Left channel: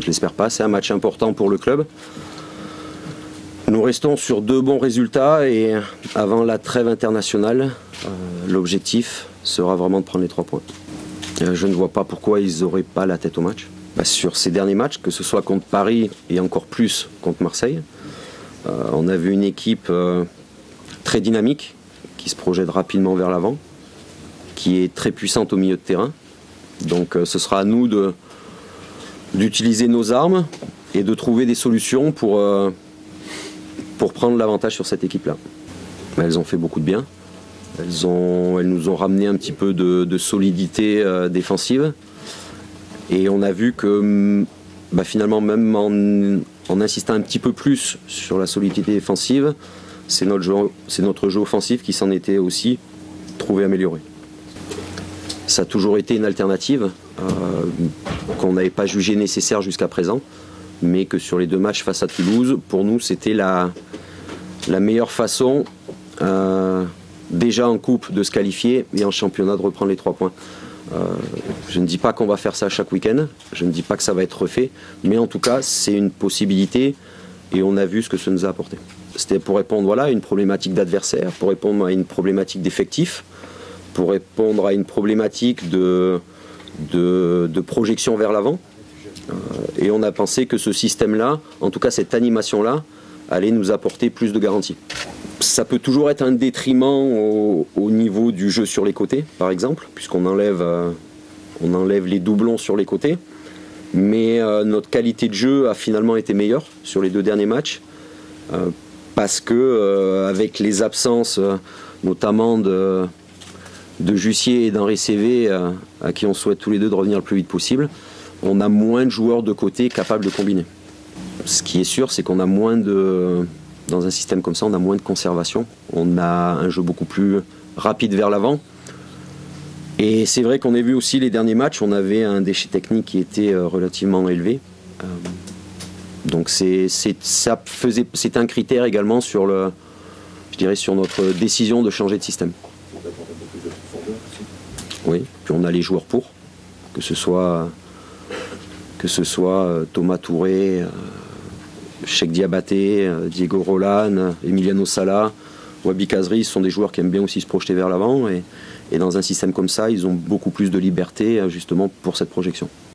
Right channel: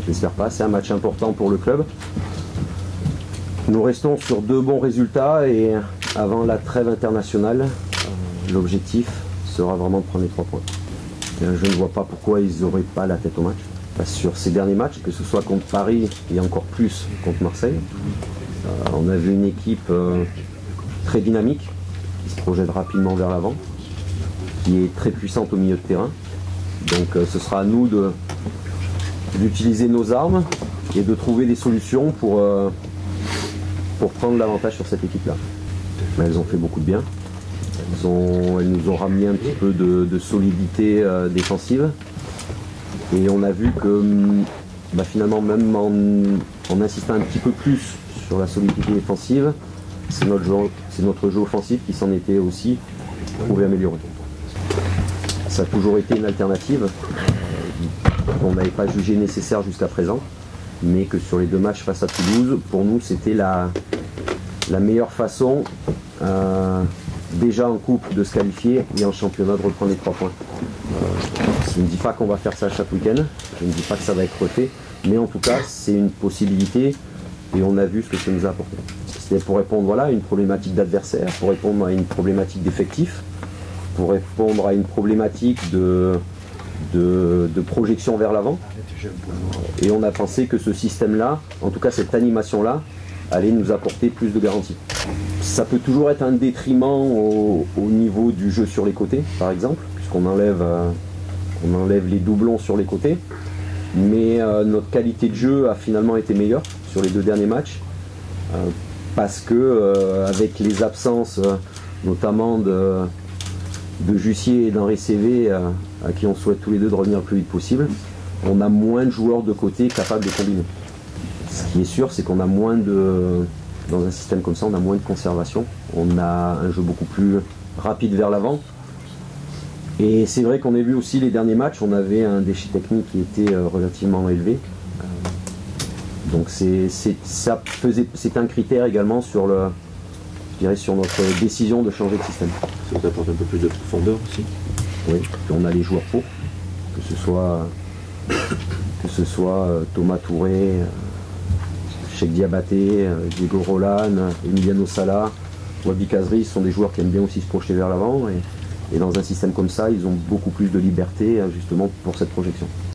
Je l'espère pas, c'est un match important pour le club. Nous restons sur 2 bons résultats et avant la trêve internationale, l'objectif sera vraiment de prendre les 3 points. Je ne vois pas pourquoi ils n'auraient pas la tête au match. Sur ces derniers matchs, que ce soit contre Paris et encore plus contre Marseille, on a vu une équipe très dynamique, qui se projette rapidement vers l'avant, qui est très puissante au milieu de terrain. Donc ce sera à nous d'utiliser nos armes et de trouver des solutions pour prendre l'avantage sur cette équipe-là. Elles ont fait beaucoup de bien. Elles nous ont ramené un petit peu de solidité défensive. Et on a vu que finalement, même en insistant un petit peu plus sur la solidité défensive, c'est notre jeu offensif qui s'en était aussi trouvé amélioré. Ça a toujours été une alternative qu'on n'avait pas jugée nécessaire jusqu'à présent, mais que sur les 2 matchs face à Toulouse, pour nous, c'était la meilleure façon, déjà en coupe, de se qualifier et en championnat de reprendre les 3 points. Je ne dis pas qu'on va faire ça chaque week-end, je ne dis pas que ça va être refait, mais en tout cas, c'est une possibilité et on a vu ce que ça nous a apporté. C'était pour répondre à une problématique d'adversaire, pour répondre à une problématique d'effectif, pour répondre à une problématique de projection vers l'avant. Et on a pensé que ce système-là, en tout cas cette animation-là, allait nous apporter plus de garanties. Ça peut toujours être un détriment au niveau du jeu sur les côtés, par exemple, puisqu'on enlève les doublons sur les côtés. Mais notre qualité de jeu a finalement été meilleure sur les 2 derniers matchs, parce que avec les absences, notamment de Jussier et d'Henri Cévé, à qui on souhaite tous les 2 de revenir le plus vite possible, on a moins de joueurs de côté capables de combiner. Ce qui est sûr, c'est qu'on a moins dans un système comme ça, on a moins de conservation. On a un jeu beaucoup plus rapide vers l'avant. Et c'est vrai qu'on a vu aussi les derniers matchs, on avait un déchet technique qui était relativement élevé. Donc c'est un critère également sur sur notre décision de changer de système. Ça vous apporte un peu plus de profondeur aussi? Oui, puis on a les joueurs pour, que ce soit Thomas Touré, Cheikh Diabaté, Diego Roland, Emiliano Sala, Wabi Kazri, ce sont des joueurs qui aiment bien aussi se projeter vers l'avant et dans un système comme ça, ils ont beaucoup plus de liberté justement pour cette projection.